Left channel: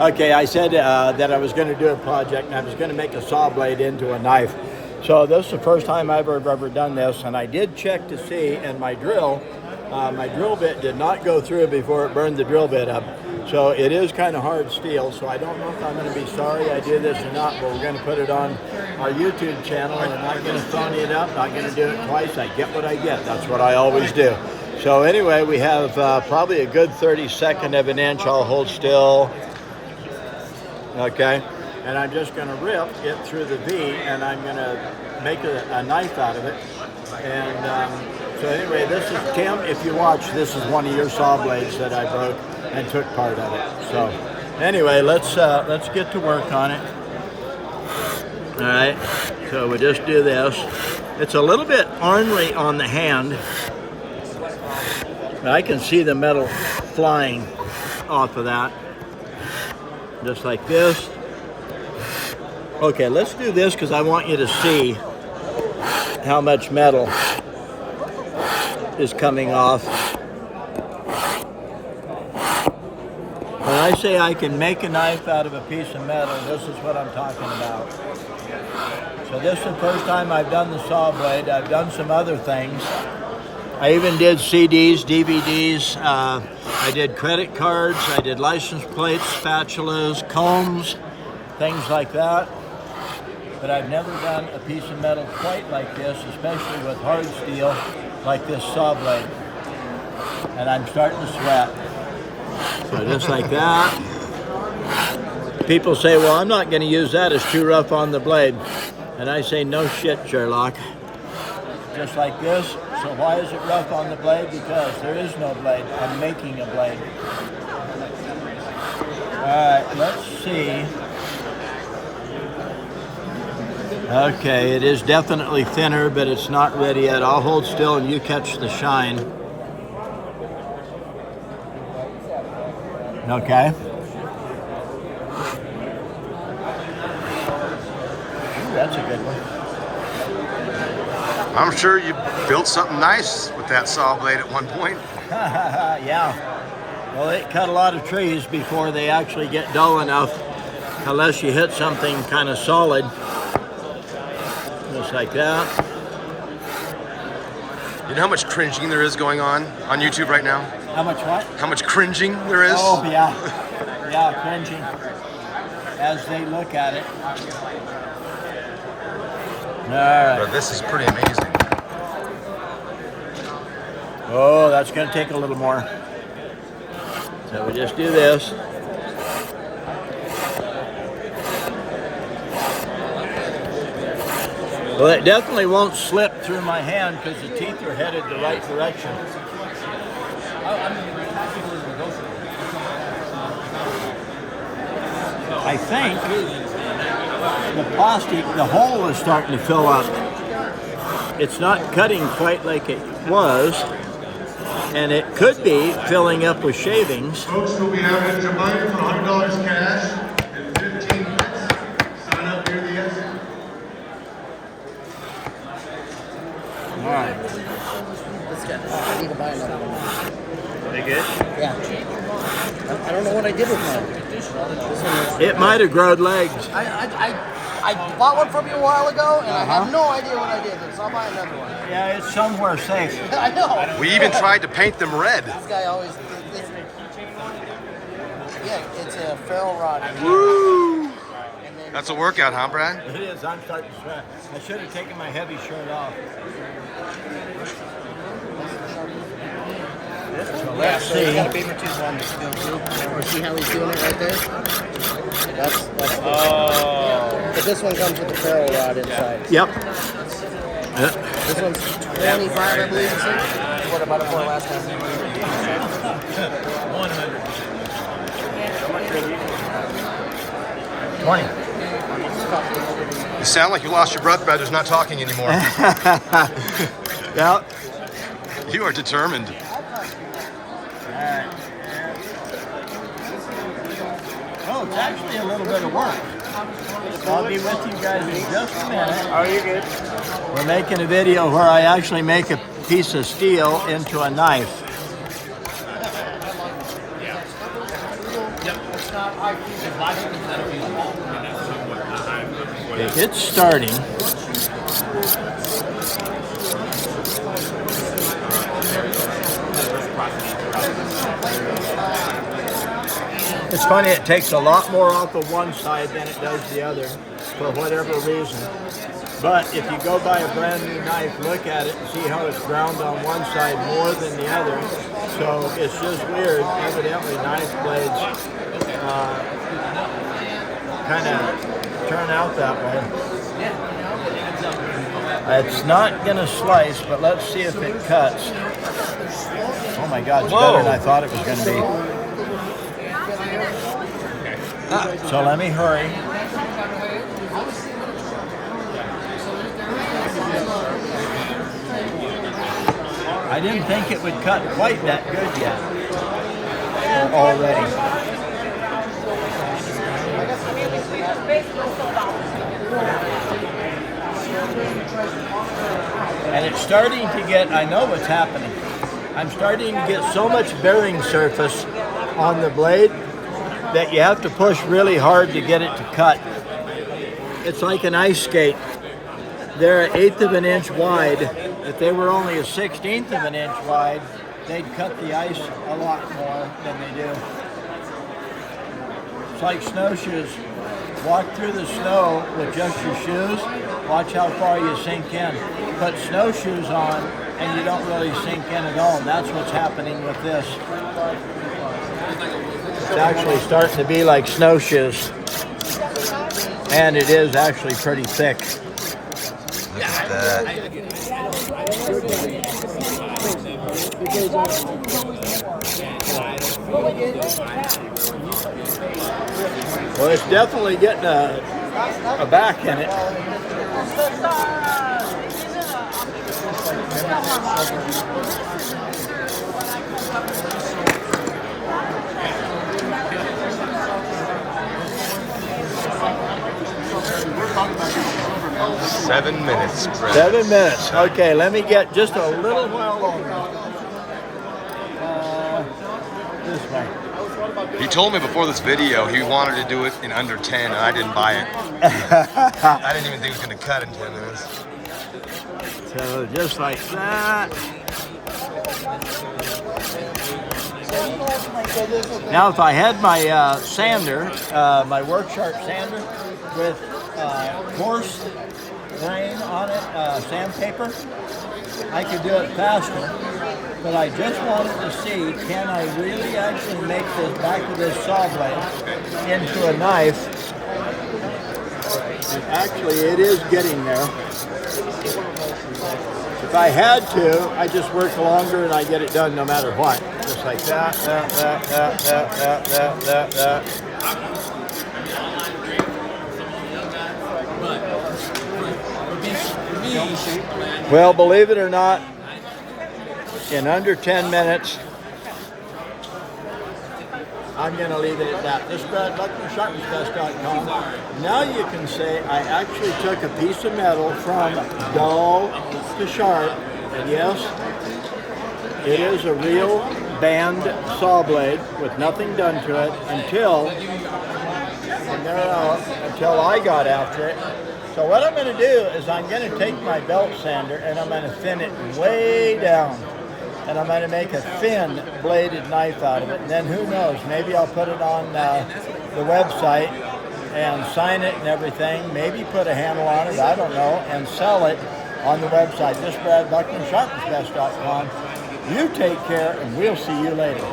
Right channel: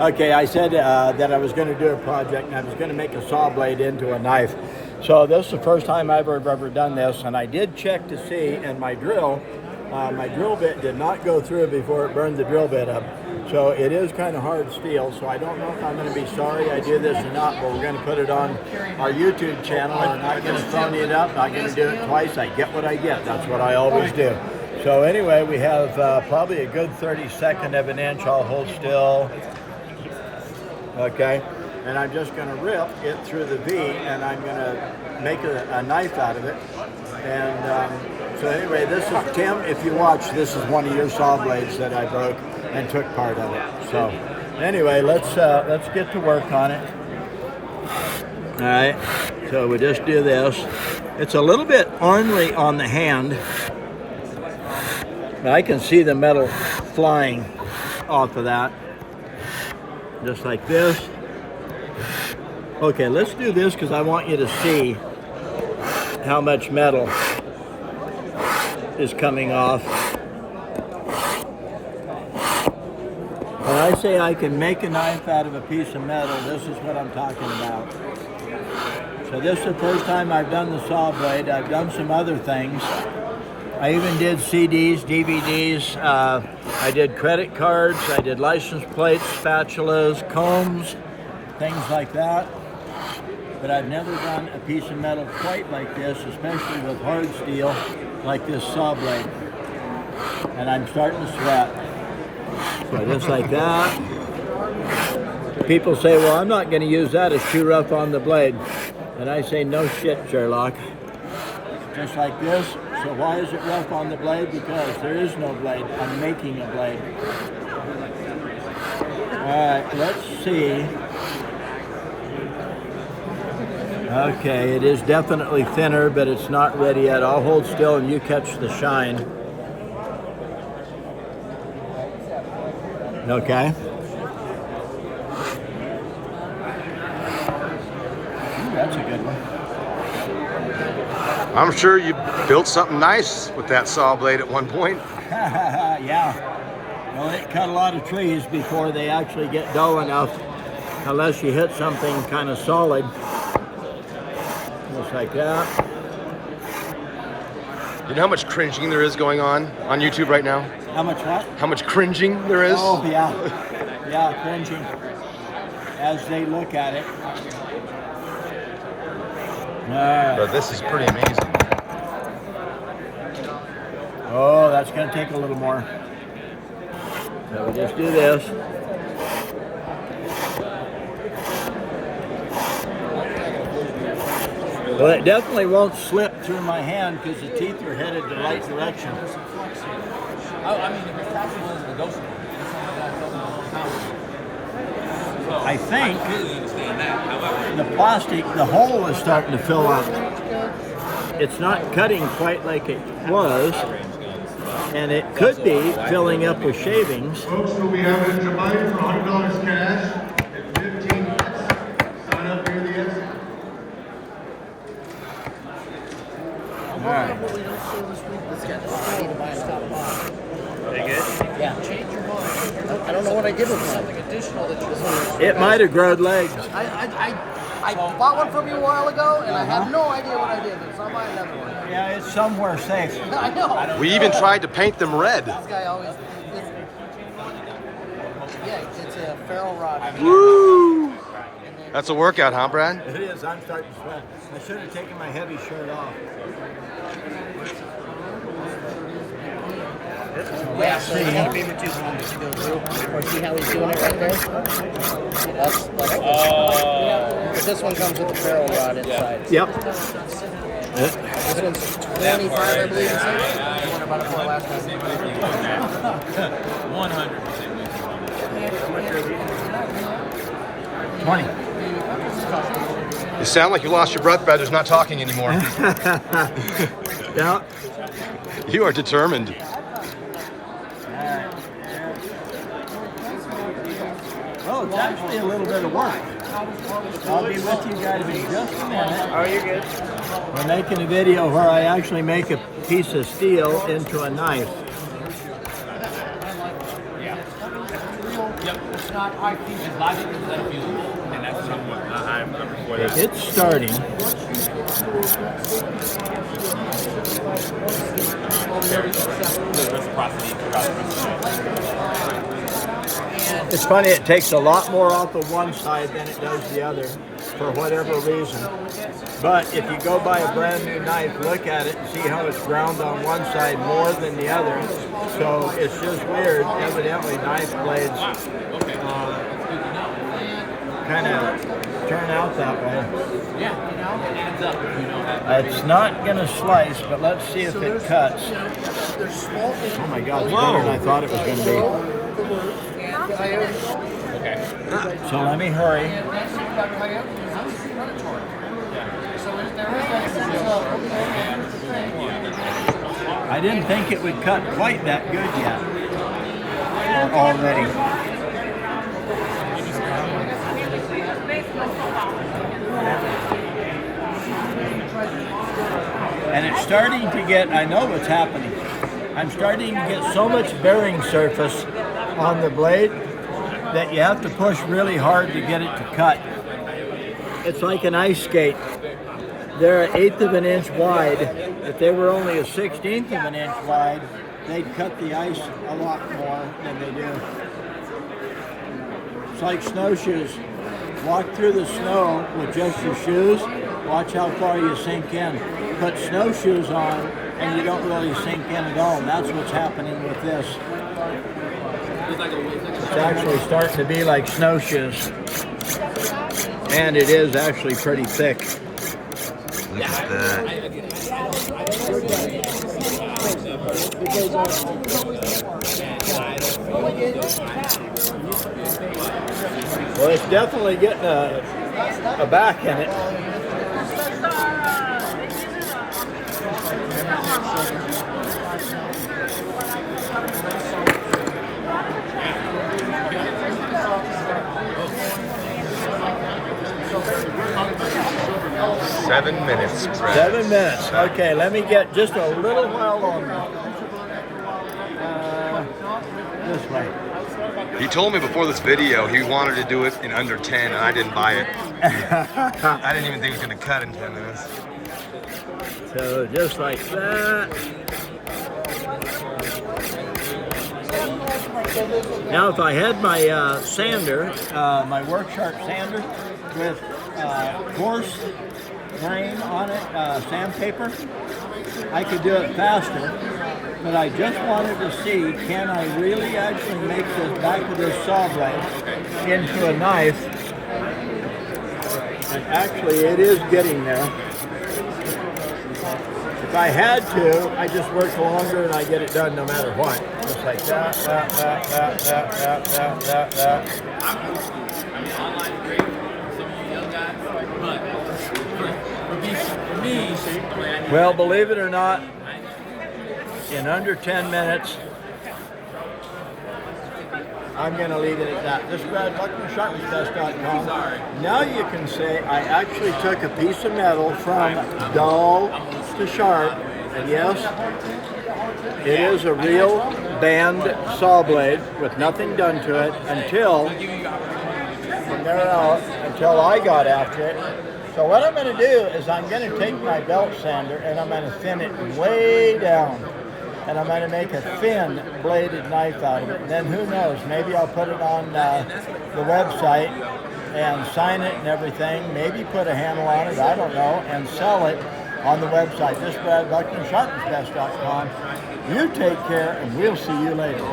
Okay, I said that I was going to do a project and I was going to make a saw blade into a knife. So this is the first time I've ever done this, and I did check to see, and my drill bit did not go through before it burned the drill bit up. So it is kind of hard steel, so I don't know if I'm going to be sorry I did this or not, but we're going to put it on our YouTube channel. We're not going to phone it up, not going to do it twice. I get what I get. That's what I always do. So anyway, we have probably a good 32nd of an inch. I'll hold still. Okay. And I'm just going to rip it through the V, and I'm going to make a knife out of it. And so anyway, this is Tim. If you watch, this is one of your saw blades that I broke and took part of it. So anyway, let's get to work on it. All right. So we just do this. It's a little bit ornery on the hand. I can see the metal flying off of that, just like this. Okay, let's do this because I want you to see how much metal is coming off. When I say I can make a knife out of a piece of metal, this is what I'm talking about. So this is the first time I've done the saw blade. I've done some other things. I even did CDs, DVDs. I did credit cards. I did license plates, spatulas, combs, things like that. But I've never done a piece of metal quite like this, especially with hard steel like this saw blade. And I'm starting to sweat. So just like that. People say, well, I'm not going to use that, it's too rough on the blade. And I say, no shit, Sherlock. Just like this. So why is it rough on the blade? Because there is no blade. I'm making a blade. All right, let's see. Okay, it is definitely thinner, but it's not ready yet. I'll hold still and you catch the shine. Okay. Ooh, that's a good one. I'm sure you built something nice with that saw blade at one point. Yeah. Well, it cut a lot of trees before they actually get dull enough, unless you hit something kind of solid. Just like that. You know how much cringing there is going on YouTube right now? How much what? How much cringing there is? Oh, yeah. Yeah, cringing as they look at it. All right. But this is pretty amazing. Oh, that's going to take a little more. So we just do this. Well, it definitely won't slip through my hand because the teeth are headed the right direction. I think the plastic, the hole is starting to fill up. It's not cutting quite like it was, and it could be filling up with shavings. Folks, we'll be having a combined for $100 cash and 15 minutes. Sign up near the exit. All right. They good? Yeah. I don't know what I did with them. It might have growed legs. I bought one from you a while ago, and I have no idea what I did. So I'll buy another one. Yeah, it's somewhere safe. I know. We even tried to paint them red. This guy always. Yeah, it's a ferrule rod. Woo! That's a workout, huh, Brad? It is. I'm starting to sweat. I should have taken my heavy shirt off. So let's see. See how he's doing it right there? That's but this one comes with the ferrule rod inside. Yep. This one's 25, I believe. 20. You sound like you lost your breath, Brad. There's not talking anymore. Yeah. You are determined. All right. Oh, it's actually a little bit of work. I'll be with you guys in just a minute. Are you good? We're making a video where I actually make a piece of steel into a knife. Okay, it's starting. It's funny, it takes a lot more off of one side than it does the other, for whatever reason. But if you go buy a brand new knife, look at it and see how it's ground on one side more than the other. So it's just weird. Evidently, knife blades kind of turn out that way. It's not going to slice, but let's see if it cuts. Oh my God, it's better than I thought it was going to be. So let me hurry. I didn't think it would cut quite that good yet, or already. And it's starting to get, I know what's happening. I'm starting to get so much bearing surface on the blade that you have to push really hard to get it to cut. It's like an ice skate. They're 1/8 of an inch wide. If they were only 1/16 of an inch wide, they'd cut the ice a lot more than they do. It's like snowshoes. Walk through the snow with just your shoes. Watch how far you sink in. Put snowshoes on and you don't really sink in at all. And that's what's happening with this. It's actually starting to be like snowshoes. And it is actually pretty thick. Look at that. Well, it's definitely getting a back in it. Seven minutes, Brett. 7 minutes. Okay, let me get just a little while longer. This way. He told me before this video he wanted to do it in under 10, and I didn't buy it. I didn't even think it was going to cut in 10 minutes. So just like that. Now, if I had my sander, my work sharp sander with coarse grain on it, sandpaper, I could do it faster. But I just wanted to see, can I really actually make this back of this saw blade into a knife? And actually, it is getting there. If I had to, I just work longer and I get it done no matter what. Just like that. Well, believe it or not, in under 10 minutes, I'm going to leave it at that. This is Brad Buckner, Sharpens.com. Now you can say I actually took a piece of metal from dull to sharp, and yes, it is a real band saw blade with nothing done to it until from there out, until I got after it. So what I'm going to do is I'm going to take my belt sander and I'm going to thin it way down. And I'm going to make a thin bladed knife out of it. And then who knows, maybe I'll put it on the website and sign it and everything. Maybe put a handle on it, I don't know, and sell it on the website. This is Brad Buckner, Sharpens.com. You take care, and we'll see you later.